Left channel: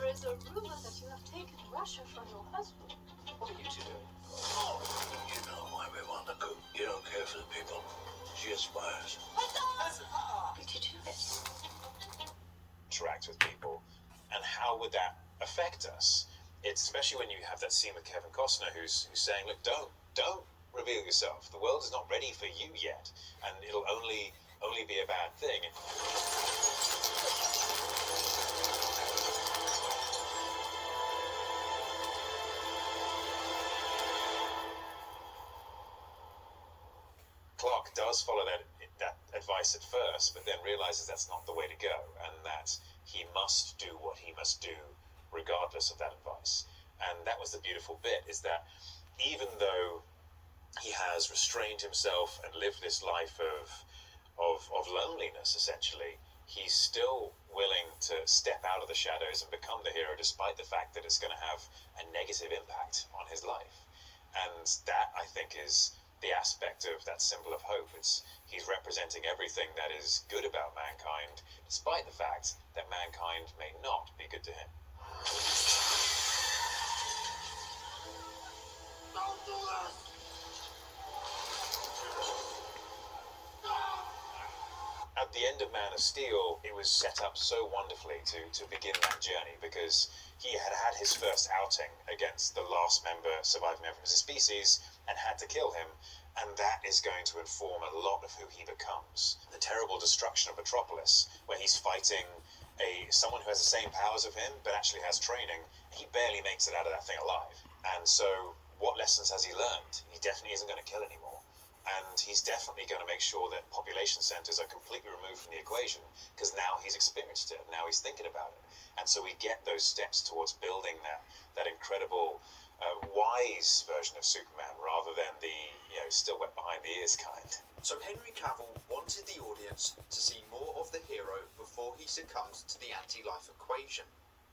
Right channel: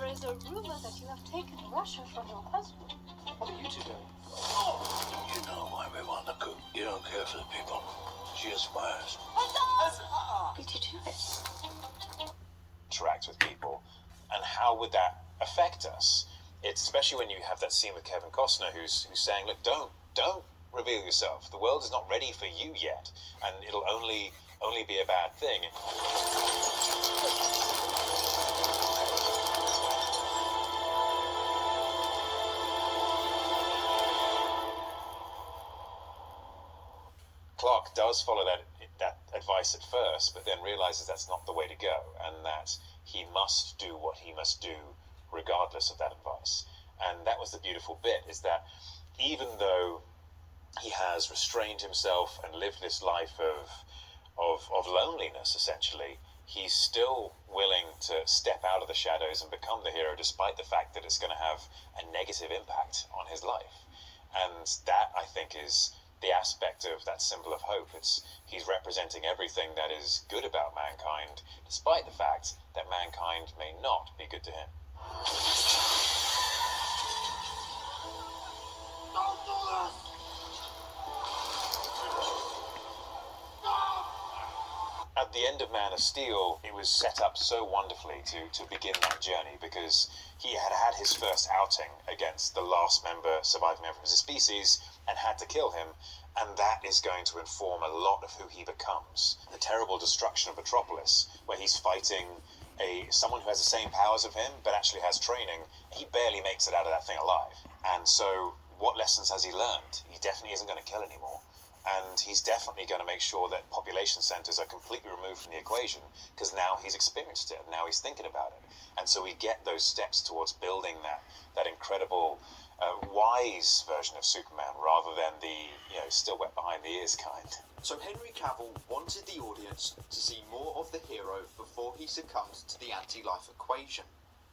There is a rumor that you have taken Russia from your husband. What are you two doing? You know why we want the coup. You don't care for the people. She aspires. Did you do it? Interact with people, and how would that affect us? It's especially when you have that scene with Kevin Costner who's saying, look, don't reveal yourself. The world is not ready for you yet, and it'll only be a bad thing. Clark does follow that advice at first, but then realizes that's not the way to go, and that he must do what he must do regardless of that advice. And that was the beautiful bit, is that even though he has restrained himself and lived this life of loneliness, essentially, he's still willing to step out of the shadows and become the hero, despite the fact that it's going to have a negative impact on his life. And that, I think, is the aspect of that symbol of hope. He's representing everything that is good about mankind, despite the fact that mankind may not be good to him. Don't do this! At the end of Man of Steel, it was set up so wonderfully to begin that journey, because he had had his first outing against the last surviving member of his species, and had to kill him, and that is going to inform a lot of who he becomes. The terrible destruction of Metropolis, where he's fighting someone who has the same powers of him, but actually has training. He barely makes it out of that thing alive. And so, what lessons has he learned? He definitely isn't going to kill anymore. And he's definitely going to make sure that population centers are completely removed from the equation, because now he's experienced it, now he's thinking about it. And so we get those steps towards building that incredible, wise version of Superman, rather than the, still wet behind the ears kind. So Henry Cavill wanted the audience to see more of the hero before he succumbed to the anti-life equation,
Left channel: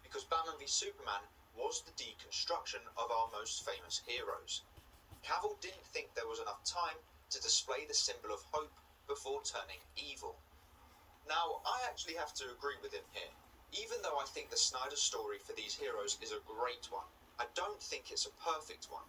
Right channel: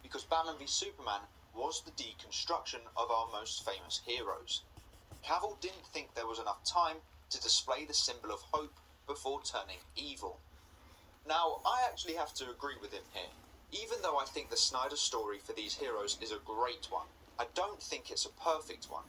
because Batman v Superman was the deconstruction of our most famous heroes. Cavill didn't think there was enough time to display the symbol of hope before turning evil. Now, I actually have to agree with him here. Even though I think the Snyder story for these heroes is a great one, I don't think it's a perfect one.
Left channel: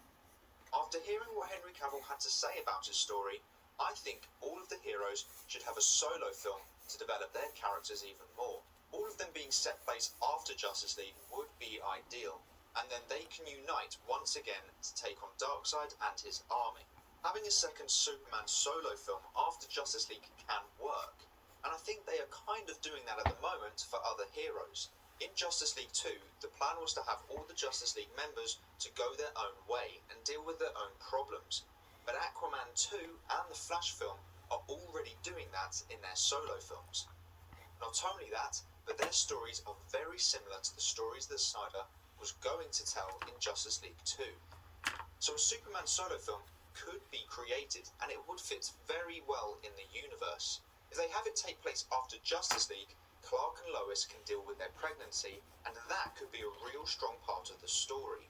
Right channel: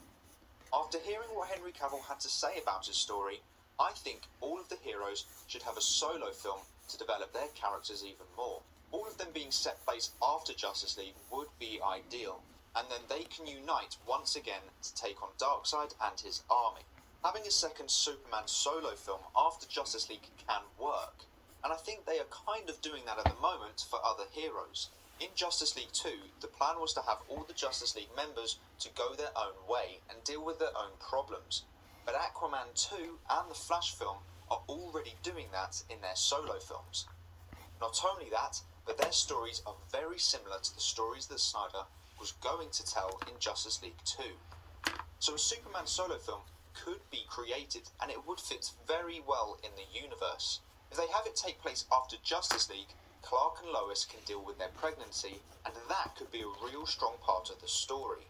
After hearing what Henry Cavill had to say about his story, I think all of the heroes should have a solo film to develop their characters even more. All of them being set place after Justice League would be ideal, and then they can unite once again to take on Darkseid and his army. Having a second Superman solo film after Justice League can work, and I think they are kind of doing that at the moment for other heroes. In Justice League 2, the plan was to have all the Justice League members to go their own way and deal with their own problems. But Aquaman 2 and the Flash film are already doing that in their solo films. Not only that, but their stories are very similar to the stories that Snyder was going to tell in Justice League 2. So a Superman solo film could be created, and it would fit very well in the universe. If they have it take place after Justice League, Clark and Lois can deal with their pregnancy, and that could be a real strong part of the story.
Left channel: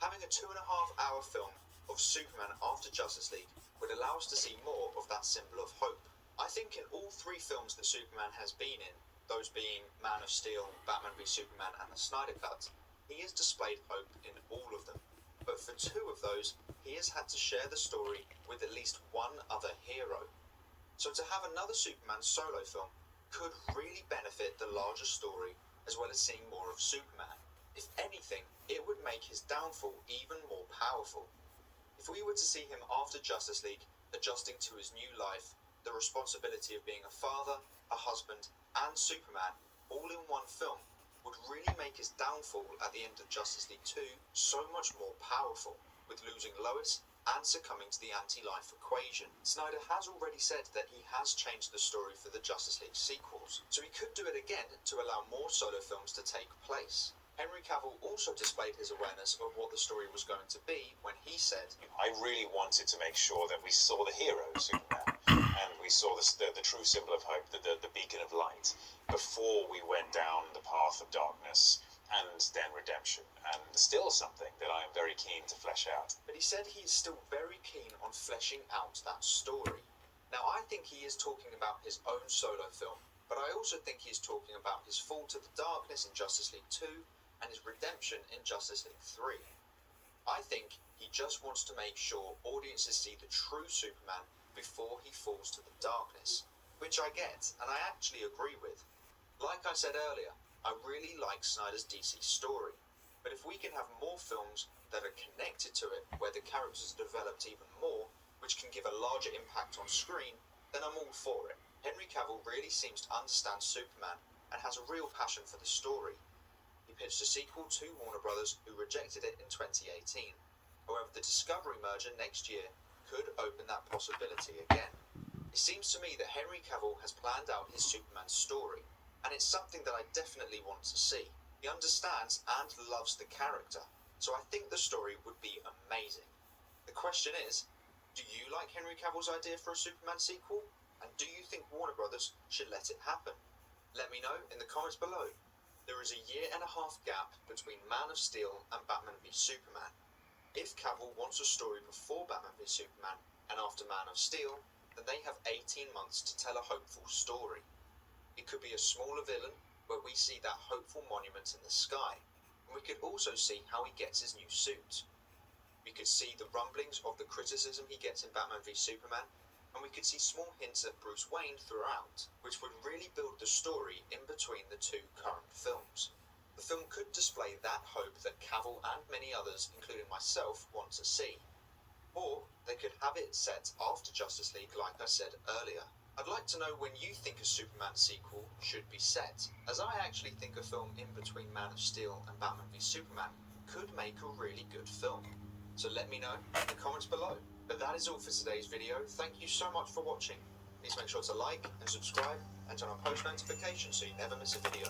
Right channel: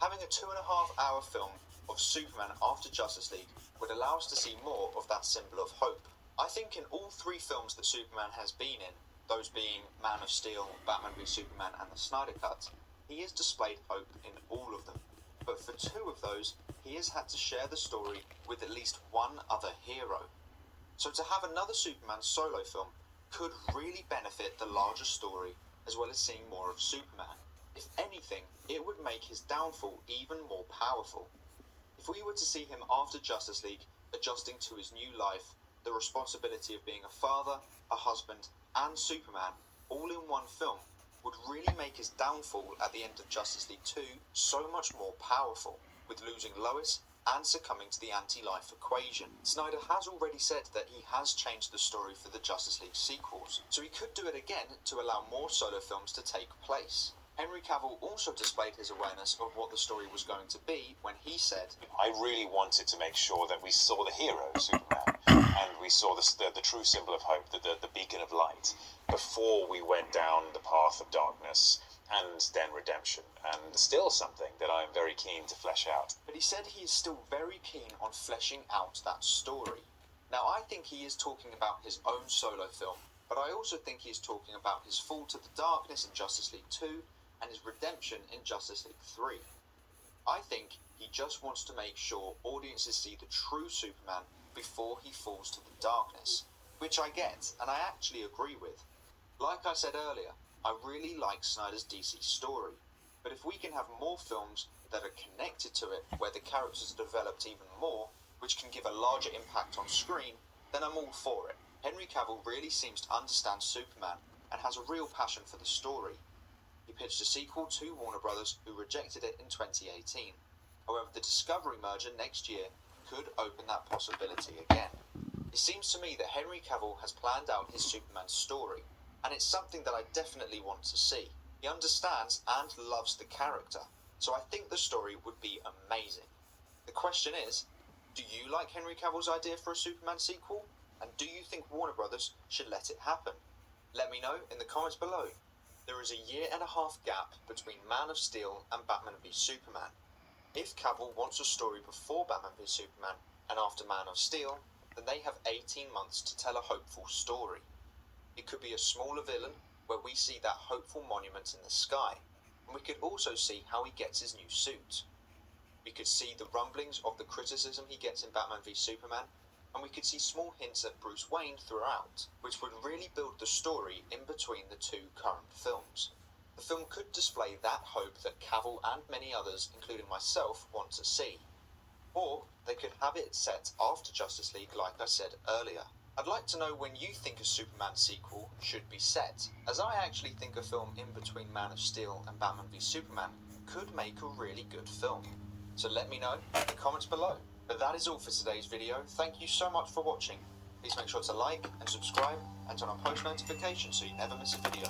Having a 2.5-hour film of Superman after Justice League would allow us to see more of that symbol of hope. I think in all three films that Superman has been in, those being Man of Steel, Batman v Superman and the Snyder Cut, he has displayed hope in all of them. But for two of those, he has had to share the story with at least one other hero. So to have another Superman solo film could really benefit the larger story, as well as seeing more of Superman. If anything, it would make his downfall even more powerful. If we were to see him after Justice League, adjusting to his new life, the responsibility of being a father, a husband, and Superman, all in one film, would really make his downfall at the end of Justice League 2 so much more powerful, with losing Lois and succumbing to the anti-life equation. Snyder has already said that he has changed the story for the Justice League sequels, so he could do it again to allow more solo films to take place. Henry Cavill also displayed his awareness of what the story was going to be when he said, I really wanted to make sure that we saw the hero, Superman, and we saw the true symbol of hope, the beacon of light, before we went down the path of darkness and then redemption, and still something that I am very keen to flesh out. But he said he is still very keen on fleshing out that story. Now, I think he is talking about his own solo film, but I also think he is talking about his fall to the darkness in Justice League 2, and his redemption in Justice League 3. I think he just wants to make sure audiences see the true Superman before he falls to the darkness, which I get, and I actually agree with. Like I said earlier, I really like Snyder's DC story, but if we can have more films that are connected to it, where the characters are developed even more, which can give a larger impact on screen, then I'm all for it. Henry Cavill really seems to understand Superman and has a real passion for the story. He pitched a sequel to Warner Brothers, who rejected it in 2018. However, the Discovery merger next year could open that possibility again. It seems to me that Henry Cavill has planned out his Superman story, and it's something that I definitely want to see. He understands and loves the character, so I think the story would be amazing. The question is, do you like Henry Cavill's idea for a Superman sequel? And do you think Warner Brothers should let it happen? Let me know in the comments below. There is a 1.5 year gap between Man of Steel and Batman v Superman. If Cavill wants a story before Batman v Superman and after Man of Steel, then they have 18 months to tell a hopeful story. It could be a smaller villain, where we see that hopeful monument in the sky, and we could also see how he gets his new suit. We could see the rumblings of the criticism he gets in Batman v Superman, and we could see small hints at Bruce Wayne throughout, which would really build the story in between the two current films. The film could display that hope that Cavill and many others, including myself, want to see. Or they could have it set after Justice League, like I said earlier. I'd like to know when you think a Superman sequel should be set, as I actually think a film in between Man of Steel and Batman v Superman could make a really good film. So let me know in the comments below. But that is all for today's video. Thank you so much for watching. Please make sure to like and subscribe and turn on post notifications so you never miss a video.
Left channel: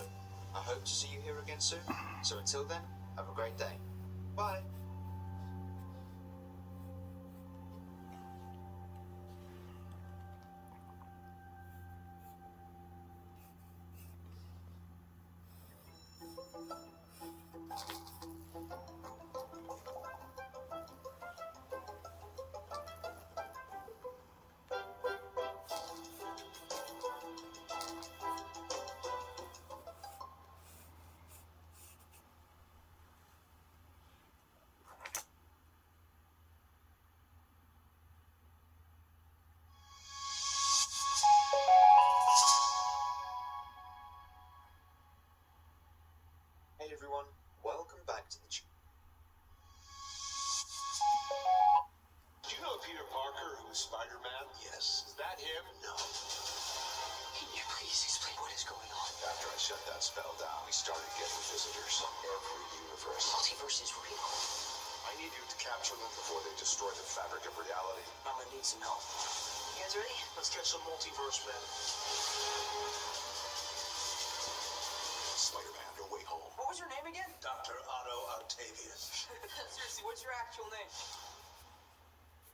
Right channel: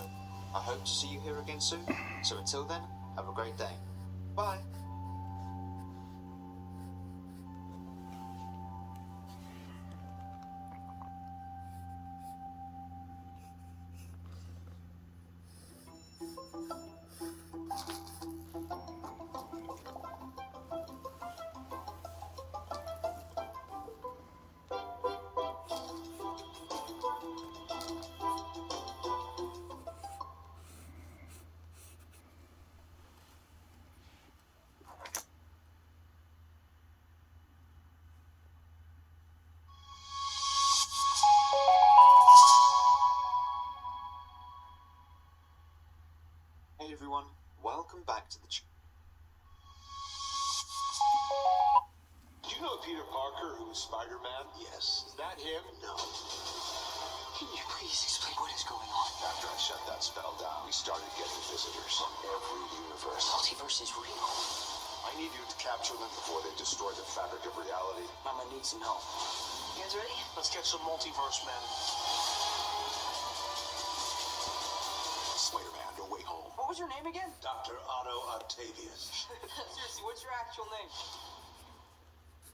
I hope to see you here again soon. So until then, have a great day. Bye. Hey everyone, welcome back to the Do you know Peter Parker, who is Spider-Man? Yes. Is that him? No. Can you please explain what is going on? After I shut that spell down, we started getting visitors from every universe. Multiverse is real. I need you to capture them before they destroy the fabric of reality. Mama needs some help. You guys ready? Let's get some multiverse men. Spider-Man, no way home. What was your name again? Dr. Otto Octavius. Seriously, what's your actual name?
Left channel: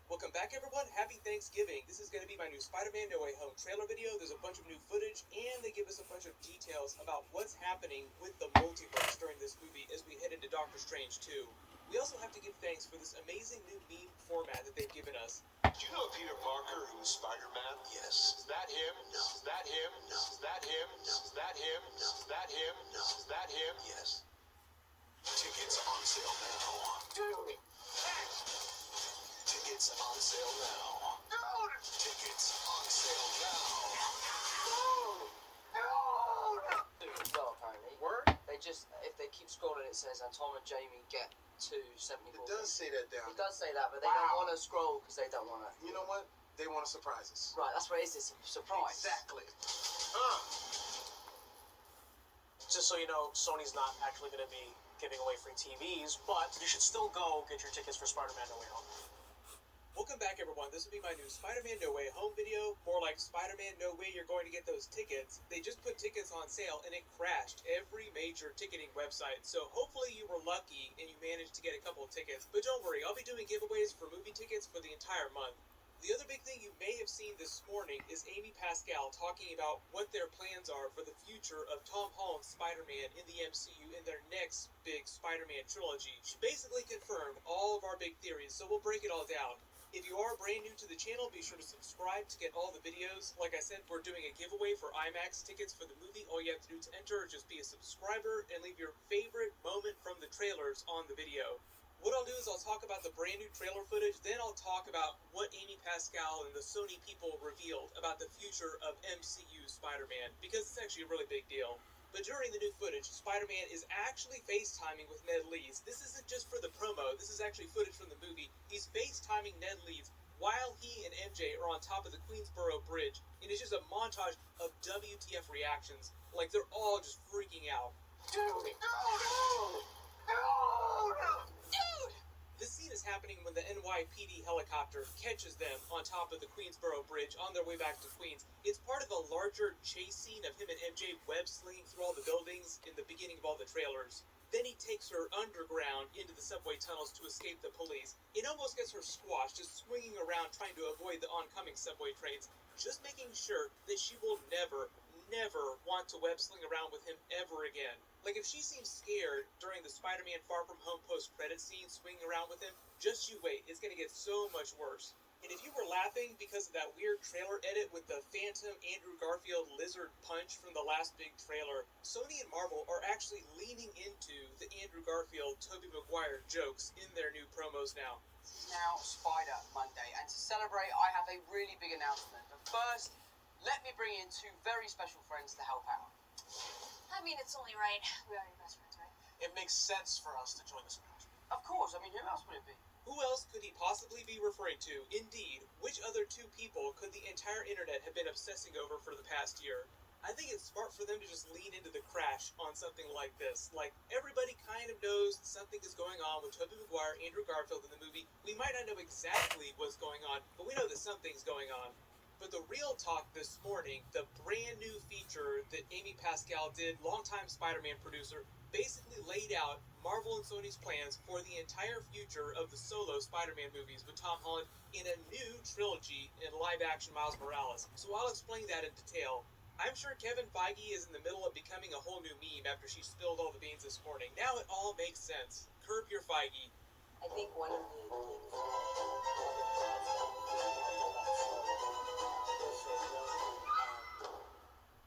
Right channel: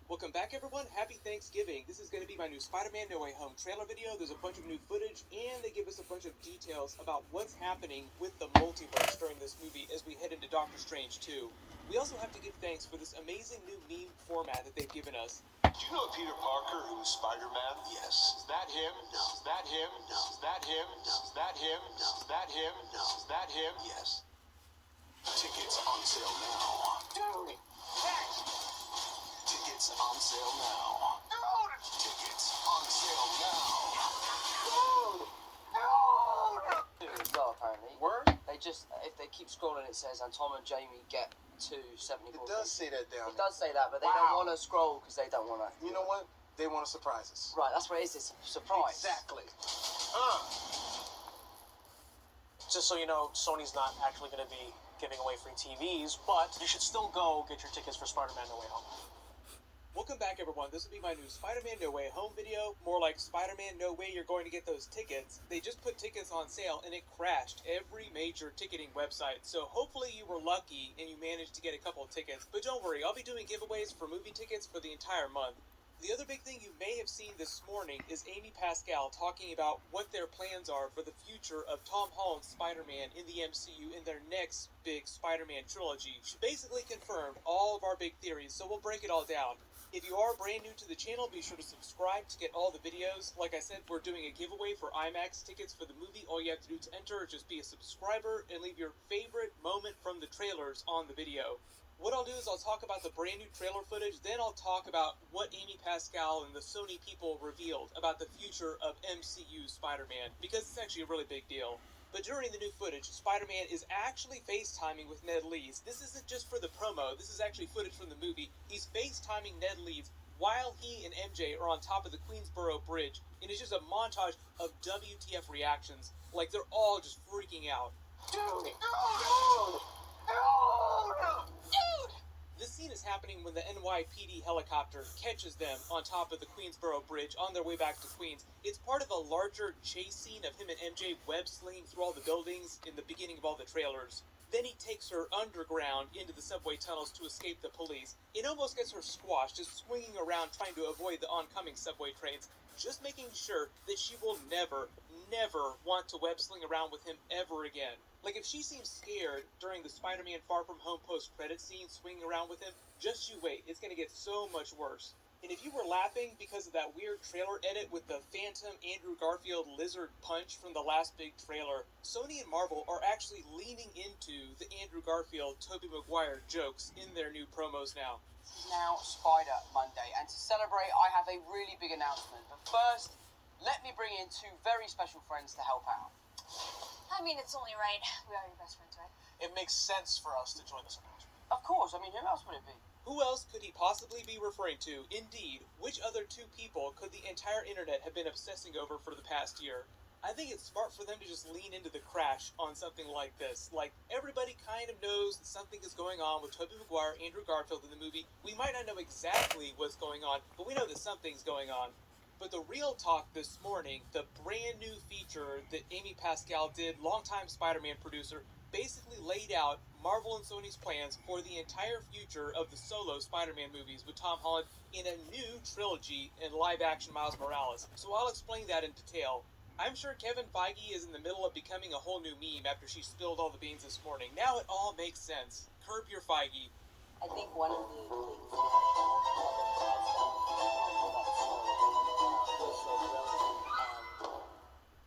Welcome back, everyone. Happy Thanksgiving. This is going to be my new Spider-Man No Way Home trailer video. There's a bunch of new footage, and they give us a bunch of details about what's happening with the multiverse during this movie as we head into Doctor Strange 2. We also have to give thanks for this amazing new meme format that they've given us. Do you know Peter Parker, who is Spider-Man? Yes. Is that him? No. Is that him? No. Is that him? No. Is that him? No. Is that him? No. Is that him? Yes. Tickets on sale now. Dude! Tickets on sale now. Tickets on sale now. Dude, well, apparently. Word? They just, if they keep scrolling, it says, and Tom and Jamie get to 74. It does say that down It does say that, but they don't want to scroll because they don't want to. there. You know what? They want to surprise us. Right, that's what it is. It's a surprise. Exactly. Just so you know, Sony's not actually going to be giving away free TVs, but you should still go get your tickets for Spider-Man No Way Home. Welcome back, everyone. This will be my new Spider-Man No Way Home video. More like Spider-Man No Way You're Going to Get Those Tickets. They just put tickets on sale, and it crashed every major ticketing website. So hopefully you were lucky and you managed to get a couple of tickets. But don't worry, I'll be doing giveaways for movie tickets for the entire month. The other big thing you may have seen this morning is Amy Pascal talking about what their plans are for the future of Tom Holland's Spider-Man in the MCU in their next big Spider-Man trilogy. She basically confirmed all of our big theories, so we'll break it all down. If you are brand new to the channel, be sure to subscribe to get all the videos. Like I said, we're doing a giveaway for IMAX tickets for the movie. All you have to do to enter is just be a subscriber and leave your favorite moment from the trailers on the video. What I'll do is I'll talk about the brand new trailer footage, then I'll talk about what Amy Pascal and the Sony people revealed about the future of MCU Spider-Man, because it's actually a really big deal. But during the new footage, Spider-Man is actually FaceTiming with Ned Leeds. This isn't just for the promo, this is actually footage from the movie. He's FaceTiming Ned Leeds while he and MJ are on top of the Queensboro Bridge, and it's just a montage of WTF reactions, like they're all just freaking out. This scene is happening when the NYPD helicopter catches them on top of the Queensboro Bridge on their way back to Queens. It's part of a larger chase scene of him and MJ web-slinging through all the buildings in the beginning of all the trailers. Then he takes her underground into the subway tunnels to escape the police. It almost gets her squashed, just swinging around trying to avoid the oncoming subway trains, just making sure that she will never want to web-sling around with him ever again. Like, if she seems scared during the Spider-Man Far From Home post-credit scene swinging around with him, just you wait, it's gonna get so much worse. And if you were laughing because of that weird trailer edit with the Phantom Andrew Garfield lizard punch from the last big trailer, Sony and Marvel are actually leaning into the Andrew Garfield, Tobey Maguire jokes in their new promos now. This is now Spider Monday, and to celebrate, I have a really big announcement. But first, let me bring in two very special friends to help out. I mean, it's only right. We are your best friends, right? It makes sense for us to join this announcement. Of course, I mean, who else would it be? Who else could he possibly be referring to? Indeed, which other two people could the entire internet have been obsessing over for the past year? I think it's smart for them to just lean into the crash on something like this. Like, everybody kind of knows that something is going on with Tobey Maguire, Andrew Garfield in the movie. We might not know exactly what's going on, but we know that something's going on. But the real talk this morning, the brand new feature that Amy Pascal did, longtime Spider-Man producer, basically laid out Marvel and Sony's plans for the entire future of the solo Spider-Man movies with Tom Holland in a new trilogy in live-action Miles Morales. So I'll explain that in detail. I'm sure Kevin Feige is in the middle of becoming a whole new meme after she spilled all the beans this morning. Now it all makes sense. Curb your Feige. I think one of the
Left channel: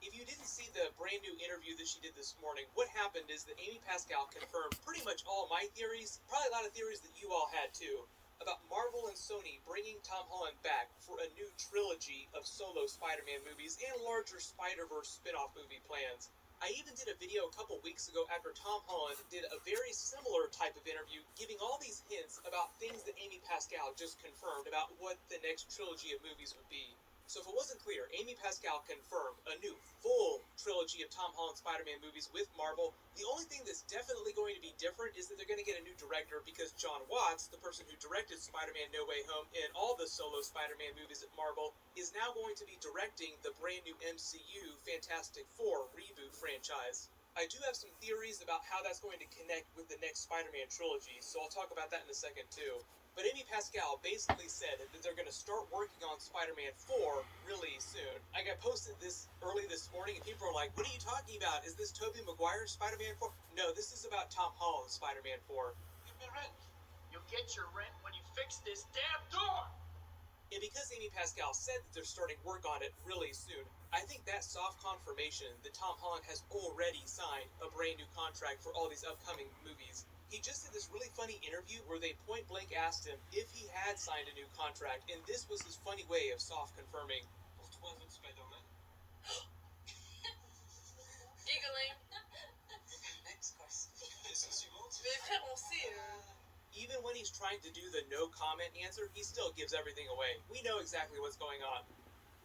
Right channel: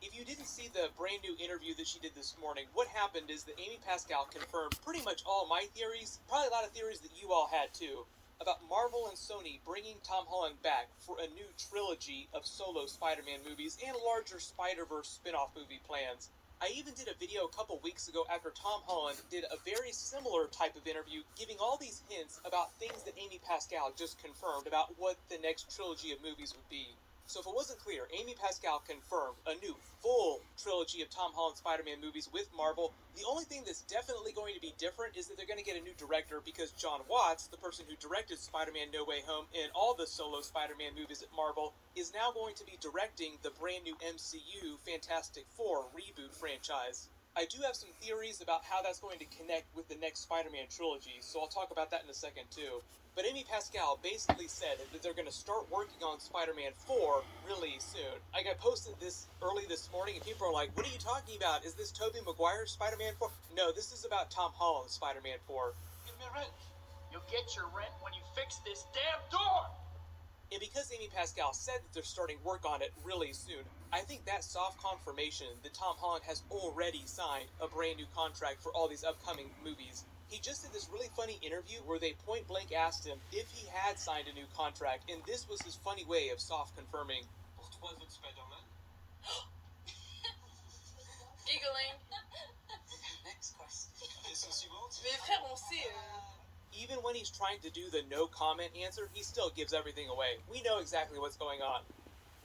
If you didn't see the brand new interview that she did this morning, what happened is that Amy Pascal confirmed pretty much all my theories, probably a lot of theories that you all had too, about Marvel and Sony bringing Tom Holland back for a new trilogy of solo Spider-Man movies and larger Spider-Verse spin-off movie plans. I even did a video a couple weeks ago after Tom Holland did a very similar type of interview, giving all these hints about things that Amy Pascal just confirmed about what the next trilogy of movies would be. So if it wasn't clear, Amy Pascal confirmed a new full trilogy of Tom Holland Spider-Man movies with Marvel. The only thing that's definitely going to be different is that they're going to get a new director, because John Watts, the person who directed Spider-Man No Way Home and all the solo Spider-Man movies at Marvel, is now going to be directing the brand new MCU Fantastic Four reboot franchise. I do have some theories about how that's going to connect with the next Spider-Man trilogy, so I'll talk about that in a second too. But Amy Pascal basically said that they're going to start working on Spider-Man 4 really soon. Like, I posted this early this morning, and people are like, what are you talking about? Is this Tobey Maguire Spider-Man 4? No, this is about Tom Holland Spider-Man 4. Give me rent. You'll get your rent when you fix this damn door! And because Amy Pascal said that they're starting work on it really soon, I think that soft confirmation that Tom Holland has already signed a brand new contract for all these upcoming movies. He just did this really funny interview where they point blank asked him if he had signed a new contract, and this was his funny way of soft confirming. Pour 3 autres Spider-Man. Giggling. Next question. Question suivante. Mes frères, on sait. Even when he's trying to do the no comment answer, he still gives everything away. We know exactly what's going on.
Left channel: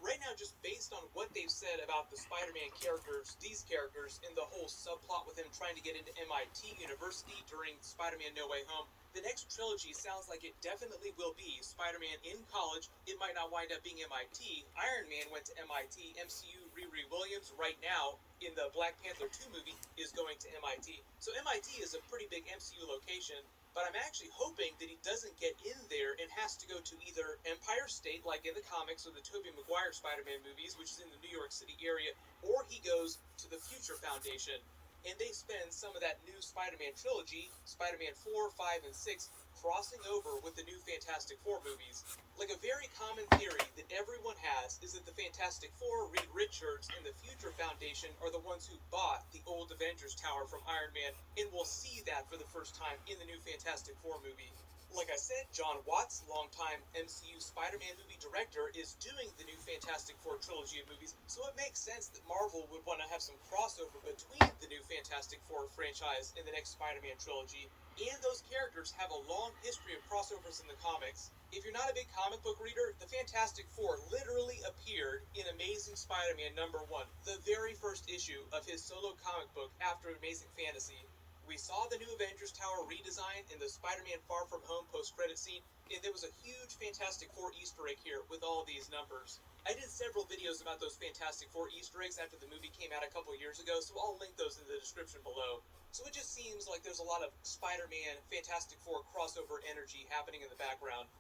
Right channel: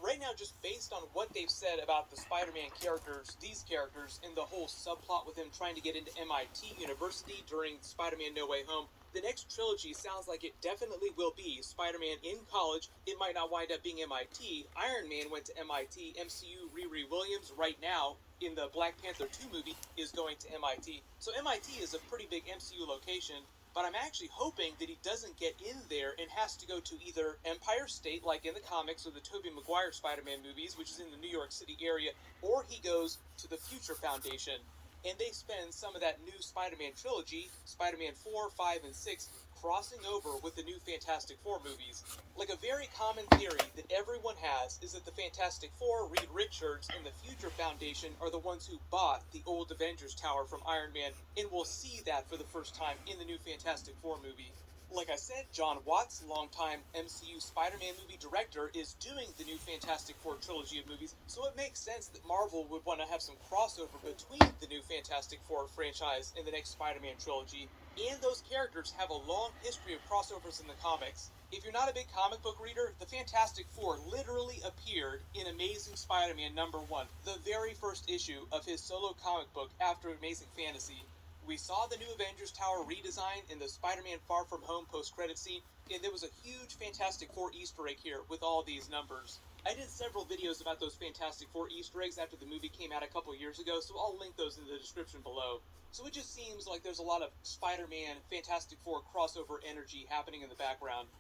Right now, just based on what they've said about the Spider-Man characters, these characters, and the whole subplot with him trying to get into MIT University during Spider-Man No Way Home, the next trilogy sounds like it definitely will be Spider-Man in college. It might not wind up being MIT. Iron Man went to MIT. MCU Riri Williams right now in the Black Panther 2 movie is going to MIT. So MIT is a pretty big MCU location. But I'm actually hoping that he doesn't get in there and has to go to either Empire State, like in the comics, or the Tobey Maguire Spider-Man movies, which is in the New York City area, or he goes to the Future Foundation, and they spend some of that new Spider-Man trilogy, Spider-Man 4, 5, and 6, crossing over with the new Fantastic Four movies. Like, a very common theory that everyone has is that the Fantastic Four, Reed Richards, and the Future Foundation are the ones who bought the old Avengers Tower from Iron Man, and we'll see that for the first time in the new Fantastic Four movie. Like I said, John Watts, longtime MCU Spider-Man movie director, is doing the new Fantastic Four trilogy of movies, so it makes sense that Marvel would want to have some crossover between the new Fantastic Four franchise and the next Spider-Man trilogy, and those characters have a long history of crossovers in the comics. If you're not a big comic book reader, the Fantastic Four literally appeared in Amazing Spider-Man #1, the very first issue of his solo comic book after Amazing Fantasy. We saw the new Avengers Tower redesign in the Spider-Man Far From Home post-credit scene, and there was a huge Fantastic Four Easter egg here with all these numbers. I did several videos about those Fantastic Four Easter eggs after the movie came out a couple years ago, so I'll link those in the description below. So it just seems like there's a lot of Spider-Man, Fantastic Four crossover energy happening in the background.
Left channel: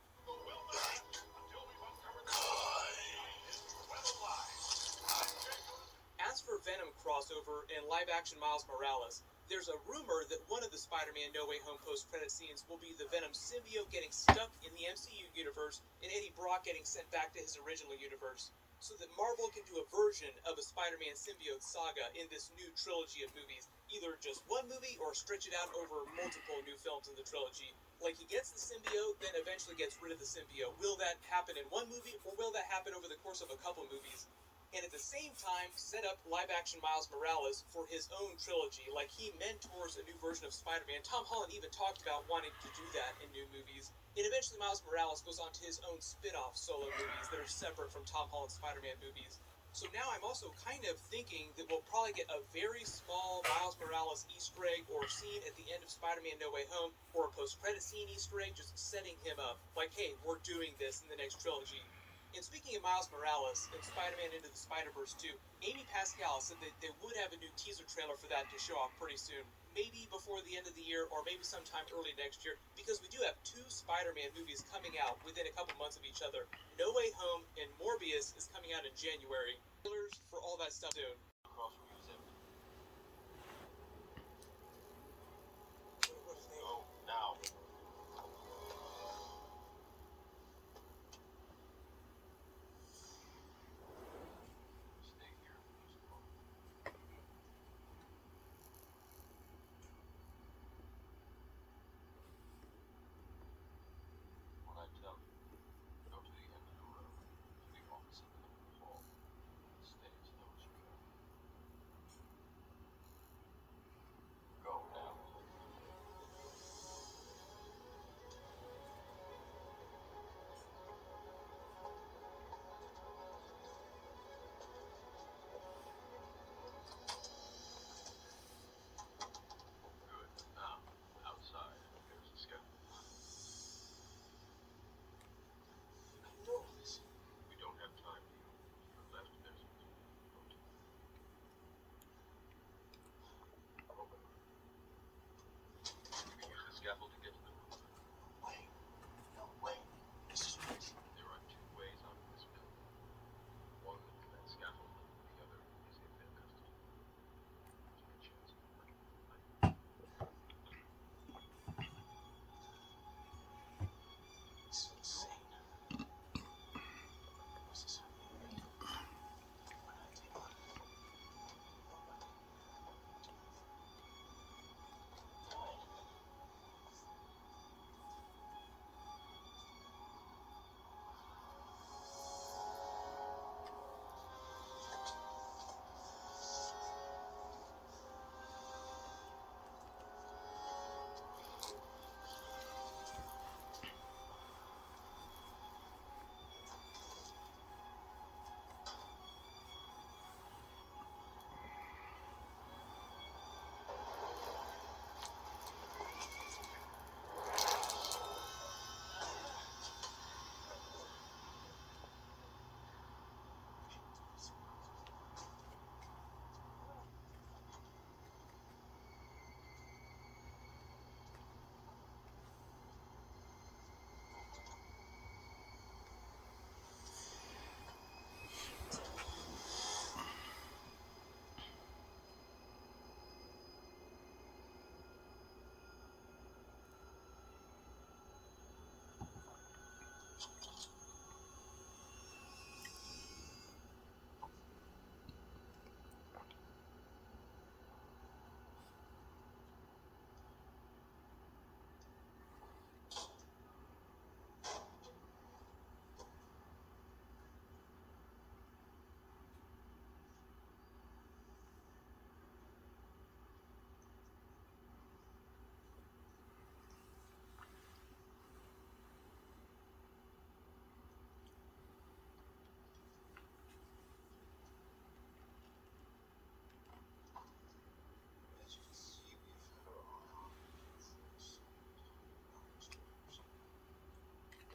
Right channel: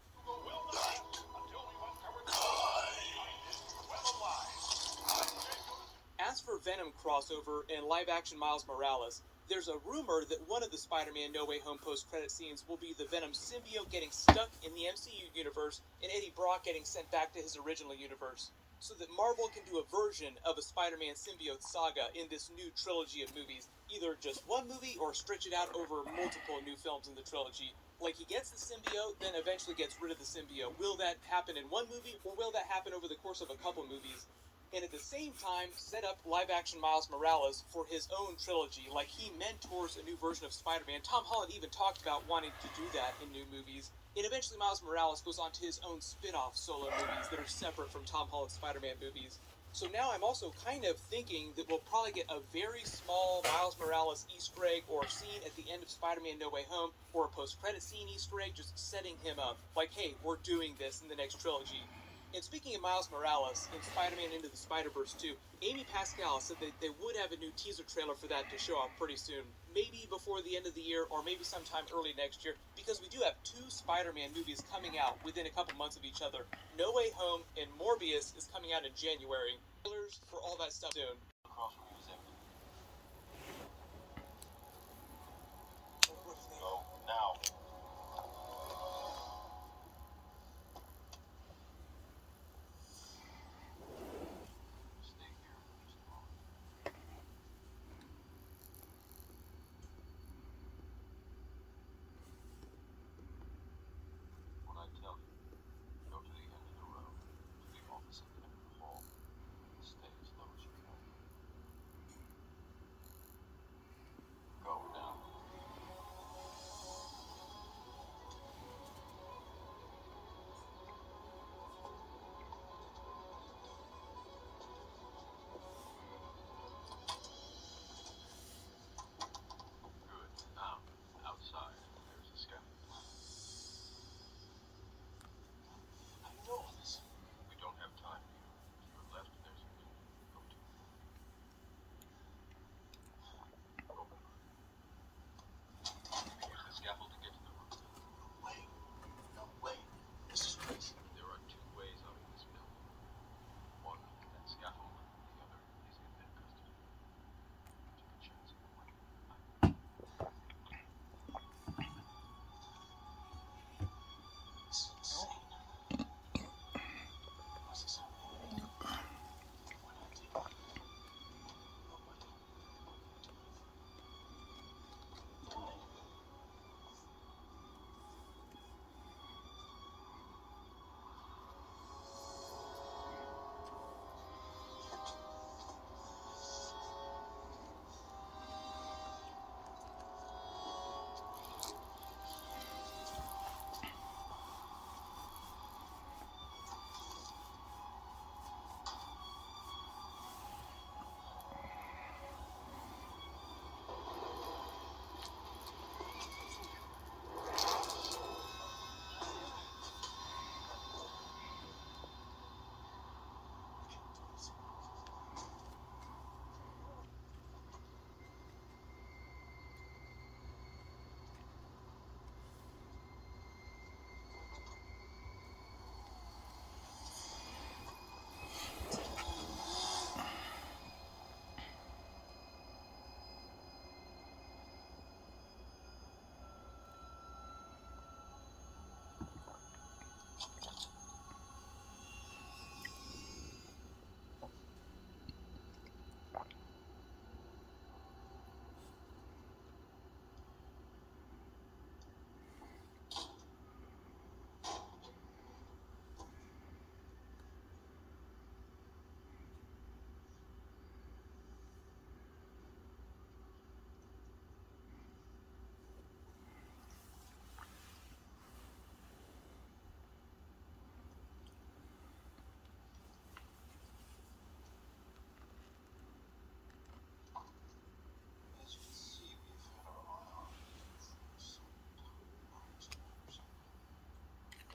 As for Venom crossover and live-action Miles Morales, there's a rumor that one of the Spider-Man No Way Home post-credit scenes will be the Venom symbiote getting stuck in the MCU universe and Eddie Brock getting sent back to his original universe, so that Marvel can do a version of a Spider-Man symbiote saga in this new trilogy of movies, either just one movie or stretch it out over multiple new films in the trilogy. Like, he gets the symbiote, then eventually gets rid of the symbiote. Will that happen in one movie, or will that happen over the course of a couple movies? And at the same time, set up live-action Miles Morales for his own trilogy, like he mentors a new version of Spider-Man. Tom Holland even talked about wanting to do that in new movies. And eventually Miles Morales goes on to his own spin-off solo movies that are separate from Tom Holland's Spider-Man movies. So now I'm also kind of thinking that we'll probably get a very small Miles Morales Easter egg or scene at the end of Spider-Man No Way Home, or a post-credit scene Easter egg just setting him up. Like, hey, we're doing this in the next trilogy. And speaking of Miles Morales and Spider-Man Into the Spider-Verse 2, Amy Pascal said that they would have a new teaser trailer for that to show off pretty soon. Maybe before the end of the year, or maybe sometime early next year, because we do have 2 Spider-Man movies coming out within a couple months of each other. No Way Home and Morbius is coming out in January. Trailers for all that stuff soon. Across from music. What is his name? Go now. Stay here for just a moment. When I tell you, go to the end of the road, to the opposite end of the hall. Stay as low as you can. Go now.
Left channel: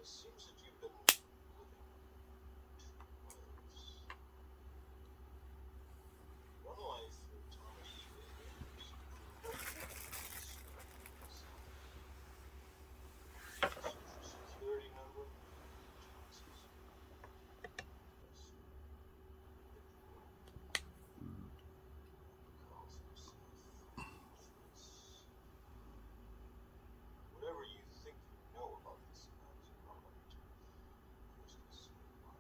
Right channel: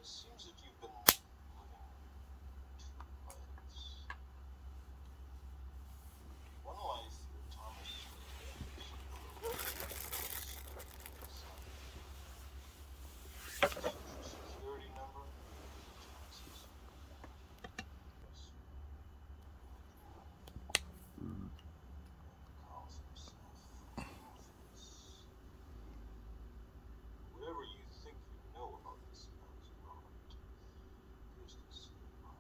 seems that you've been living two lives. One life that Thomas Day Anderson Social Security number, taxes. Yes, sir. Calls himself Office. Whatever you think you know about this man is irrelevant. Yours considered by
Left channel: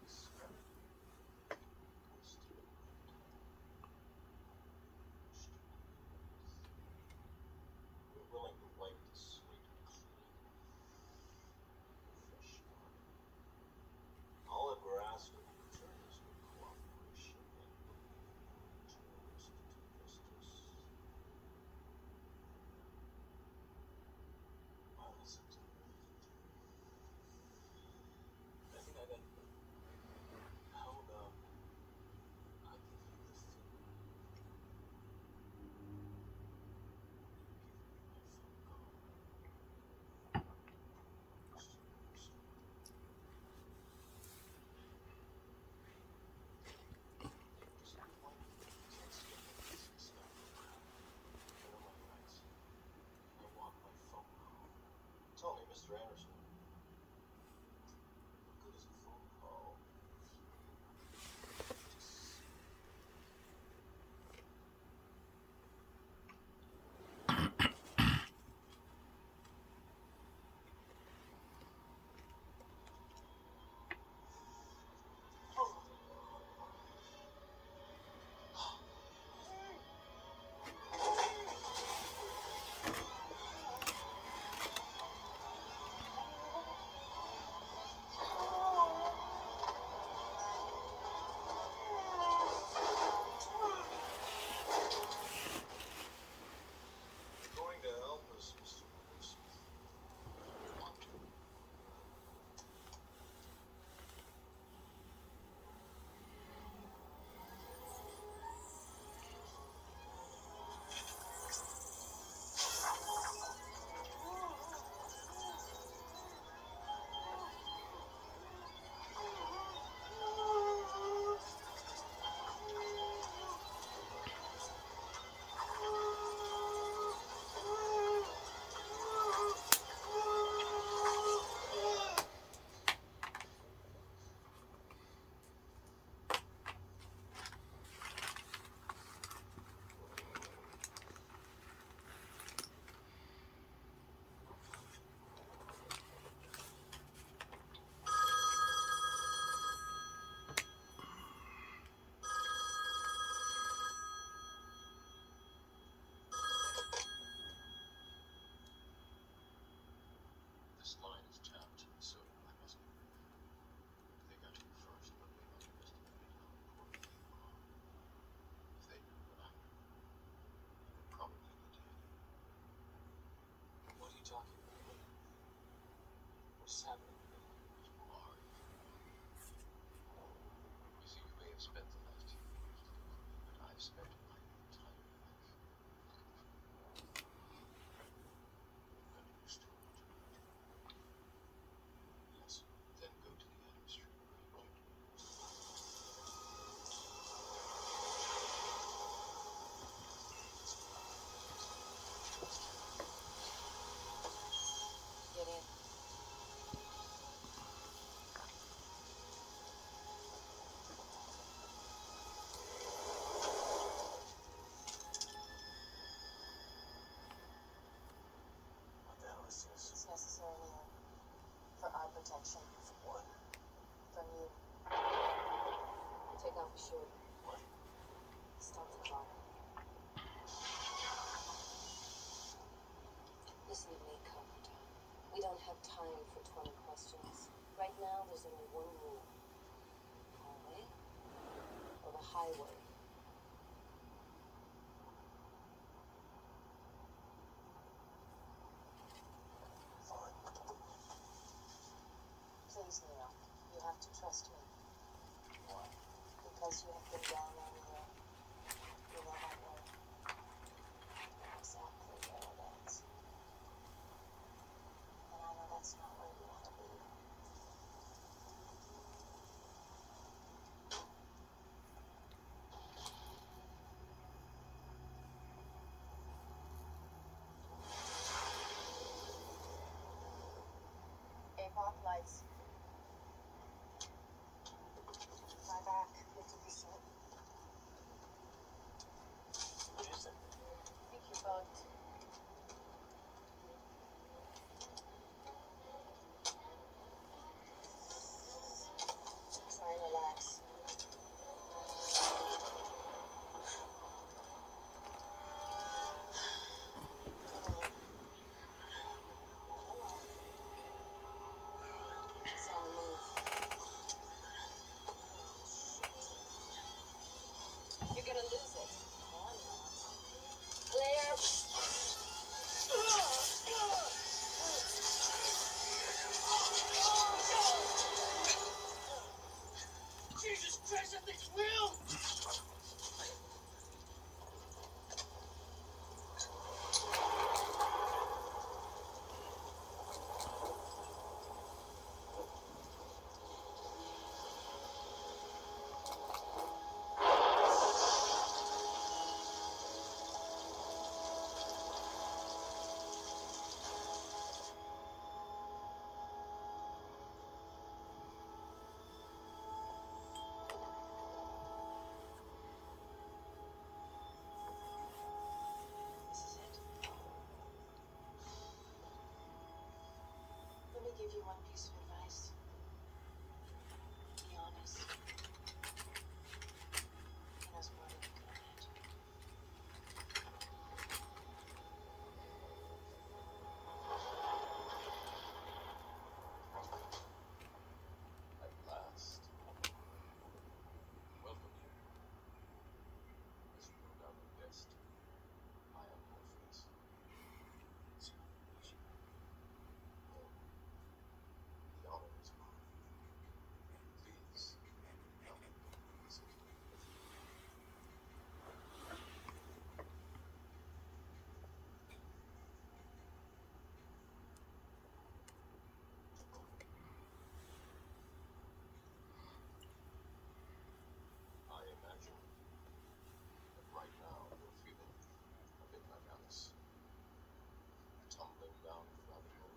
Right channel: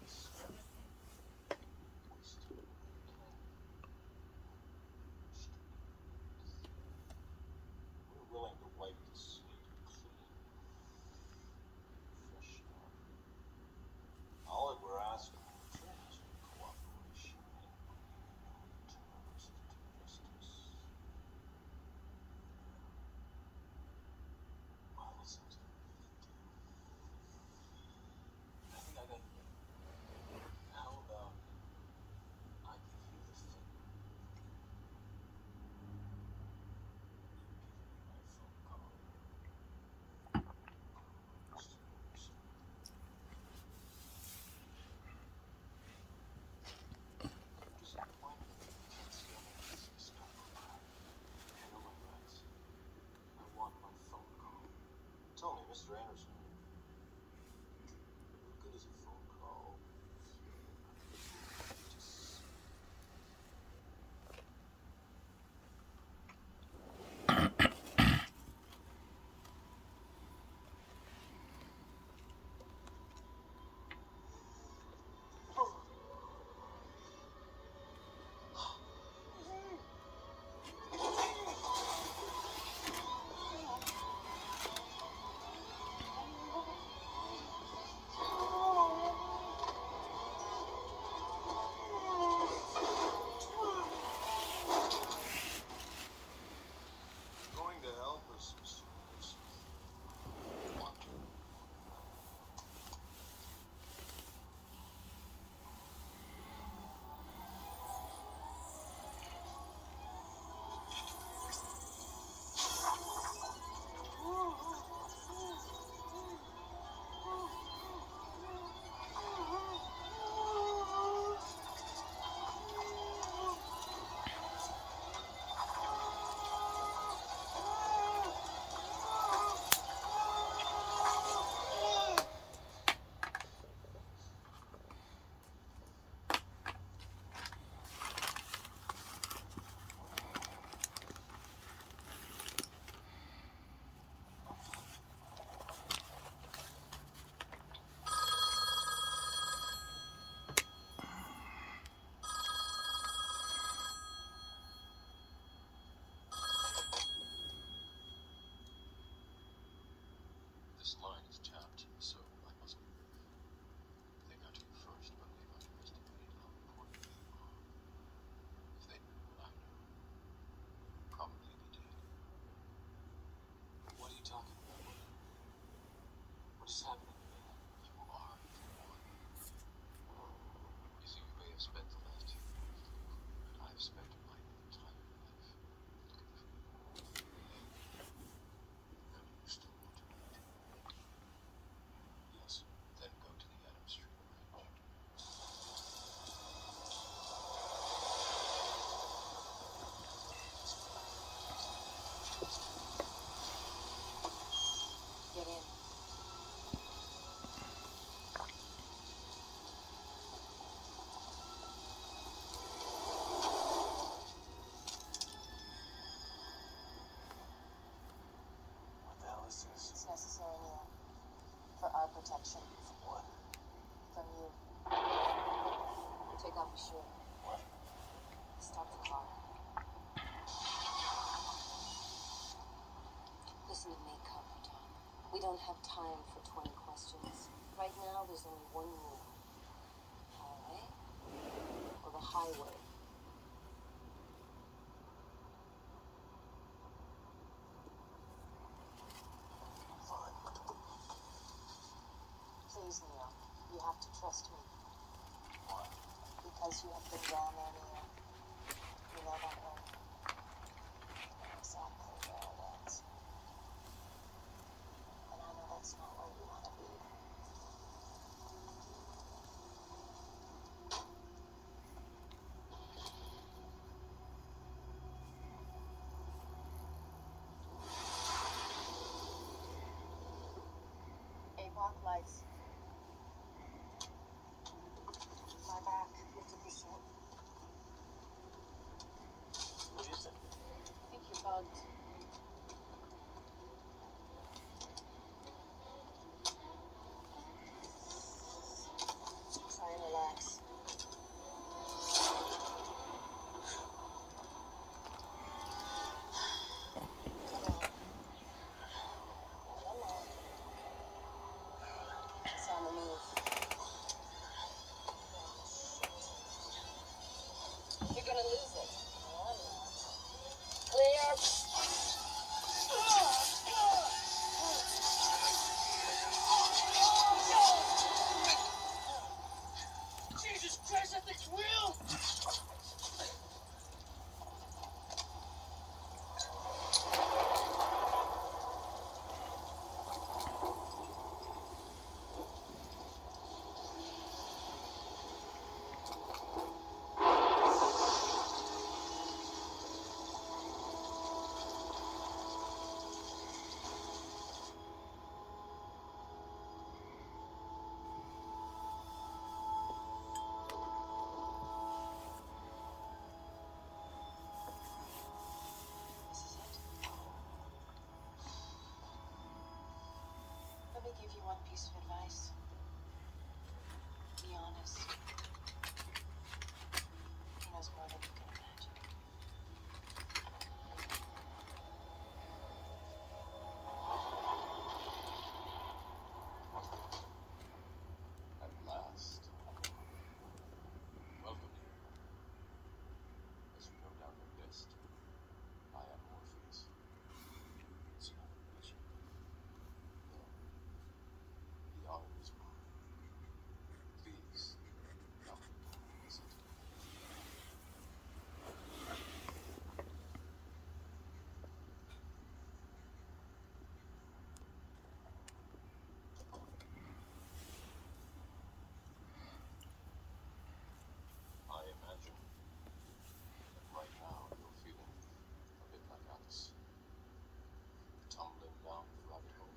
Mr. Most we're willing to wipe the slate clean. A fresh start. All that we're asking in return is your cooperation in bringing terrorists to justice. Wow, that sounds like a good deal. I think I got it. How about I give you the finger? You give me my phone call. Mr. Anderson. See the point? Can't stand it. It's not crap. I know my rights. I want my phone call. Tell me, Mr. Anderson, what good is a phone call going to help us, Mr. Anderson? Want to? This line is tapped, so I must be brief. They got to you first, but they've underestimated how important you are. If they knew what I know, you would probably be dead. What are you talking about? What is happening to me? You are one. You see, you may have spent the last few years looking for me, but I've spent my entire life looking for you. And you still want to meet? Yes. Then go to the Adams Street Bridge. Get in. What the hell is this? It's necessary, Neo. For our protection. For what? From you. Take off your shirt. What? Stop the clock. Listen to me, Copper Tom. We don't have time for 20 questions. Right now, there's only one rule. Our way or the highway. Fine. Please, Neo. You have to trust me. Why? Because you have been down there, Neo. You never you one piece of advice. Be honest. He knows more than you can imagine. At last. Welcome you. As you no doubt have guessed, I am Morpheus. It's not a mission. No. The honor is mine. Please, come and sit. I imagine that right now you're feeling a bit like Alice. Tumbling down the rabbit hole.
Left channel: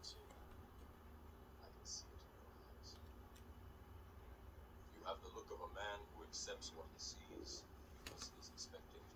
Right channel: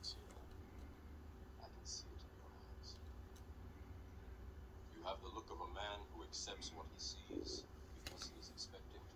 Exhale. I can see it in your eyes. You have the look of a man who accepts what he sees because he is expecting to